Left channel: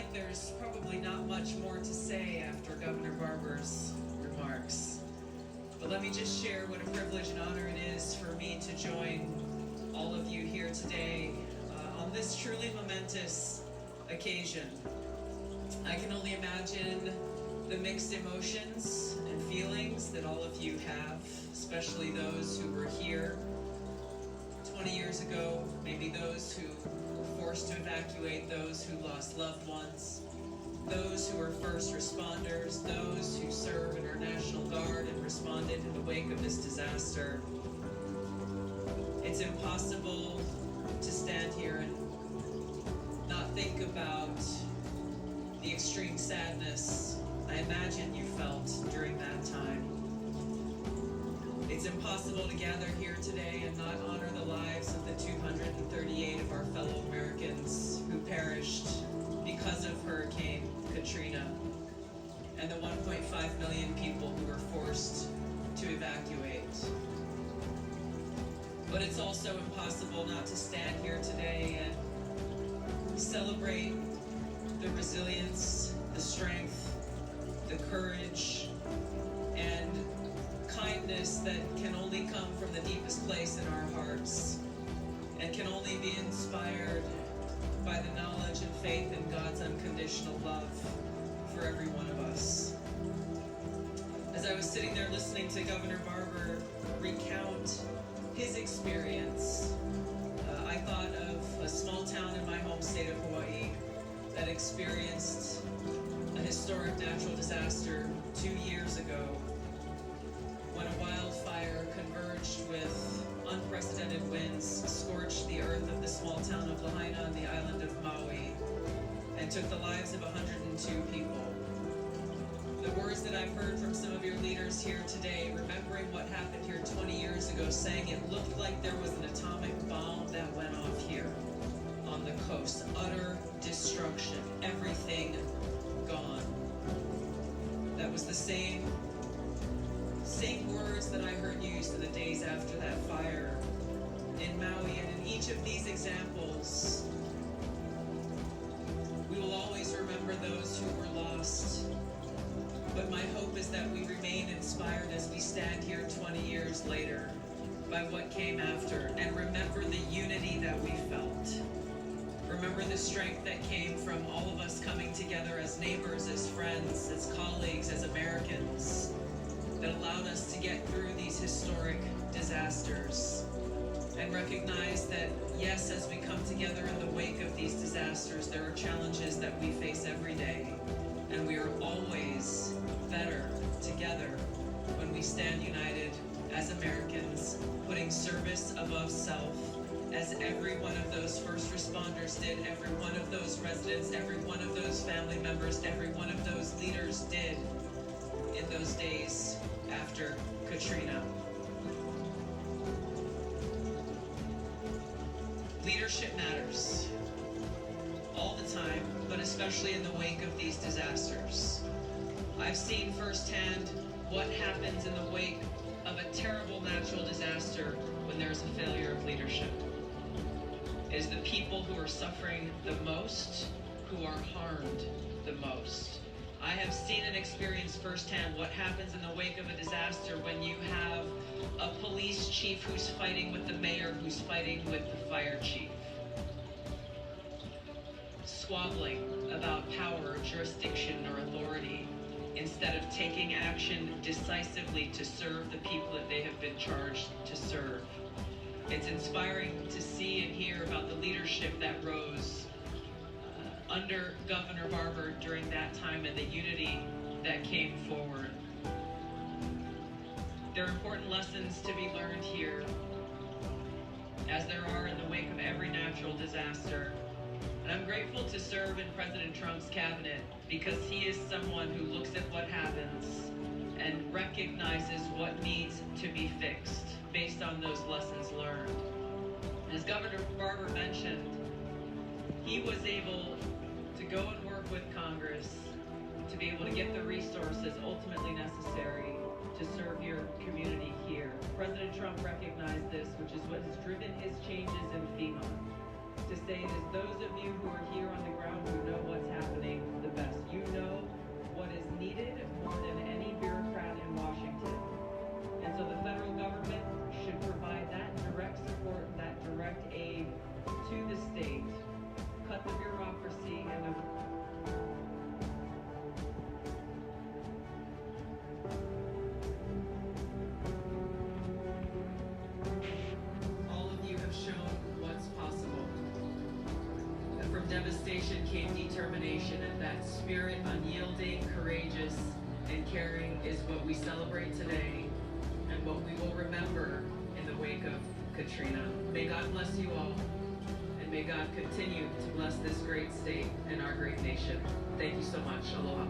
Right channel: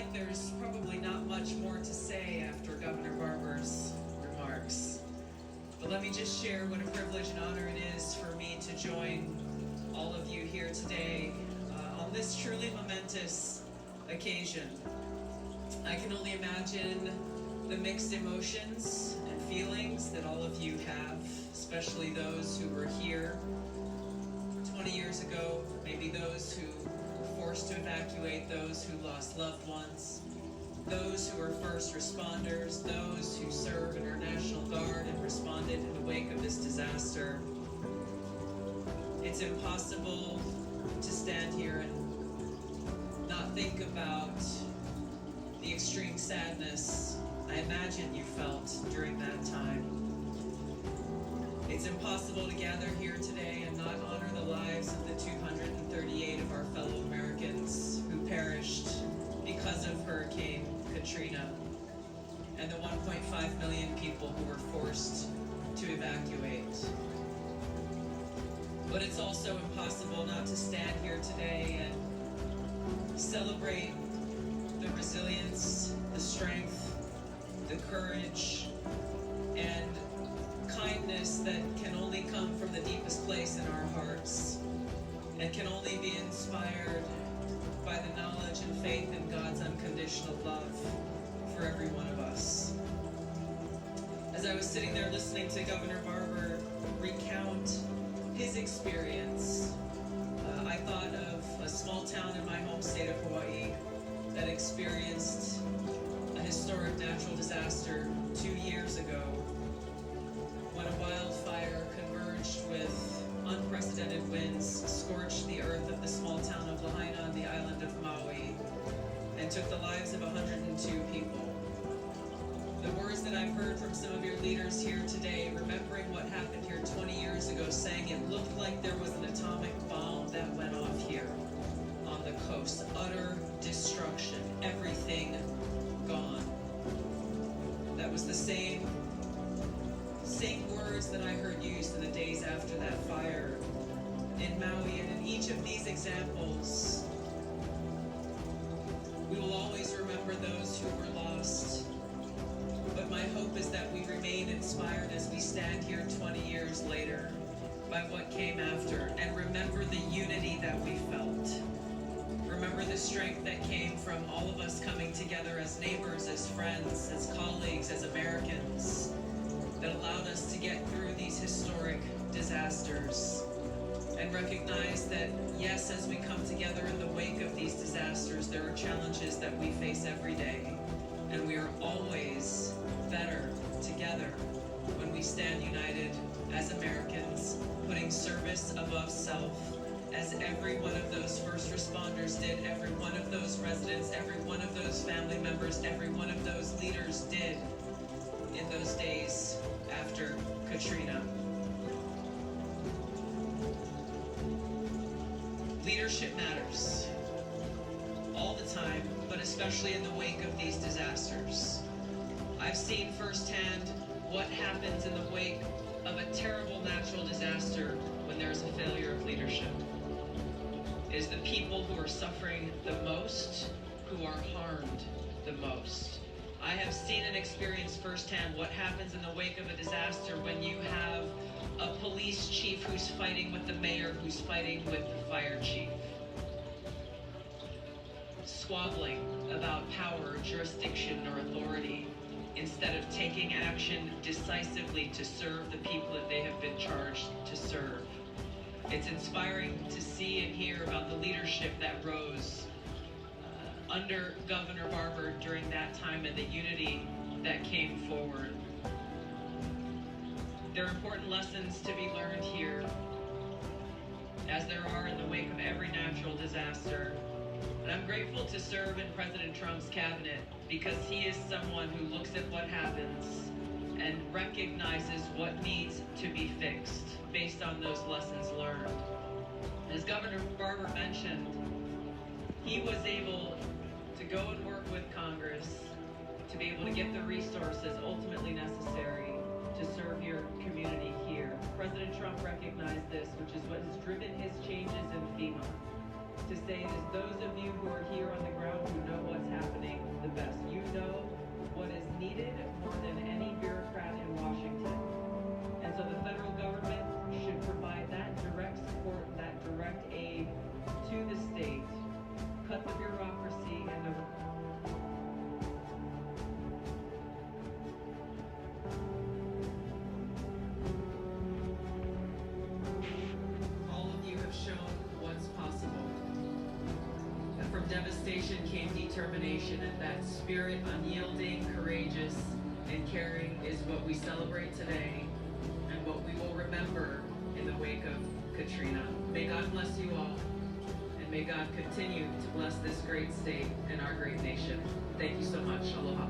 like there's probably not much more to say after Governor Barber's remarks. But let me just share what a privilege and honor it is for me to join all of you here today on this truly momentous occasion. I can only imagine the mixed emotions and feelings that all of you have, especially those who were here 20 years ago, maybe those who were forced to evacuate, those who lost loved ones, those who were first responders, those who serve in our National Guard and responded in the wake of this disaster. It's impossible to stand here and not think about the extreme sadness I imagine you felt during that time. It's impossible to gather here today and not honor the lives of the 238 of our fellow Americans who perished because of Hurricane Katrina and the 1.5 million people who were forced to evacuate. But it's also impossible not to stand here today and celebrate the resilience, the strength, the courage, and kindness that can only come from the deepest place in our hearts and can only be inspired by the knowledge and faith in God's unconditional love for every one of us. As I was sitting there listening to Governor Barber recount his experience, I thought of a small town in my home state of Hawaii that experienced a historic natural disaster 2 years ago when a wildfire converged with unprecedented winds, scorched the earth of the small town of Lahaina on the island of Maui, and took the lives of 102 people. The words that I've heard from some of your leaders here today, remembering what happened here 20 years ago, saying it looked like there was an atomic bomb that went off here on the coast. Utter destruction, everything gone. That was the same words that I heard used in the days after that fire in Maui. And in each of these examples, we will always remember those who were lost. But my hope is that we remain inspired as we stand here 20 years later by what came after, and remember the unity that we felt. Remember the strength that came from all of us coming together as neighbors, as friends, as colleagues, as Americans, that allowed us to get through these historic disasters. And recognize that, yes, as we come together in the wake of these disasters, there are challenges that we face every day. And we are always better together when we stand united as Americans, putting service above self, as every one of those first responders did, every one of those residents, every one of those family members, every one of those leaders did in those days after Katrina. Leadership matters all the time, but especially in the wake of these disasters. I've seen firsthand what happens in the wake of a terrible natural disaster when there's a failure of leadership. It is the people who are suffering the most who are harmed the most. I have seen and experienced firsthand what happens in the wake of a disaster when you have a police chief who's fighting with the mayor who's fighting with the fire chief. Squabbling about power, jurisdiction, or authority instead of taking action decisively to serve the people that they have been charged to serve. It's inspiring to see and hear about the leadership that rose under Governor Barber during that time and the unity that came forward. There are important lessons to be learned here, as there are in the wake of every natural disaster. And I'm grateful to serve in President Trump's cabinet because he is someone who looks at what happens and recognizes what needs to be fixed based on those lessons learned. As Governor Barber mentioned, he was able to go and work with Congress to be able to get the resources ultimately necessary to serve your community here. President Trump recognized this, which is what has driven his changes in FEMA, to say it is those of you who are here on the ground who know what's happening aid to the state, cut the bureaucracy and the all of you have shown what's possible. That from devastation came determination, and that spirit, unyielding, courageous, and caring, is what we celebrate today and what we will remember in the wake of Katrina. May God bless you all, and may God continue to bless this great state and our great nation. Thank you so much. Aloha.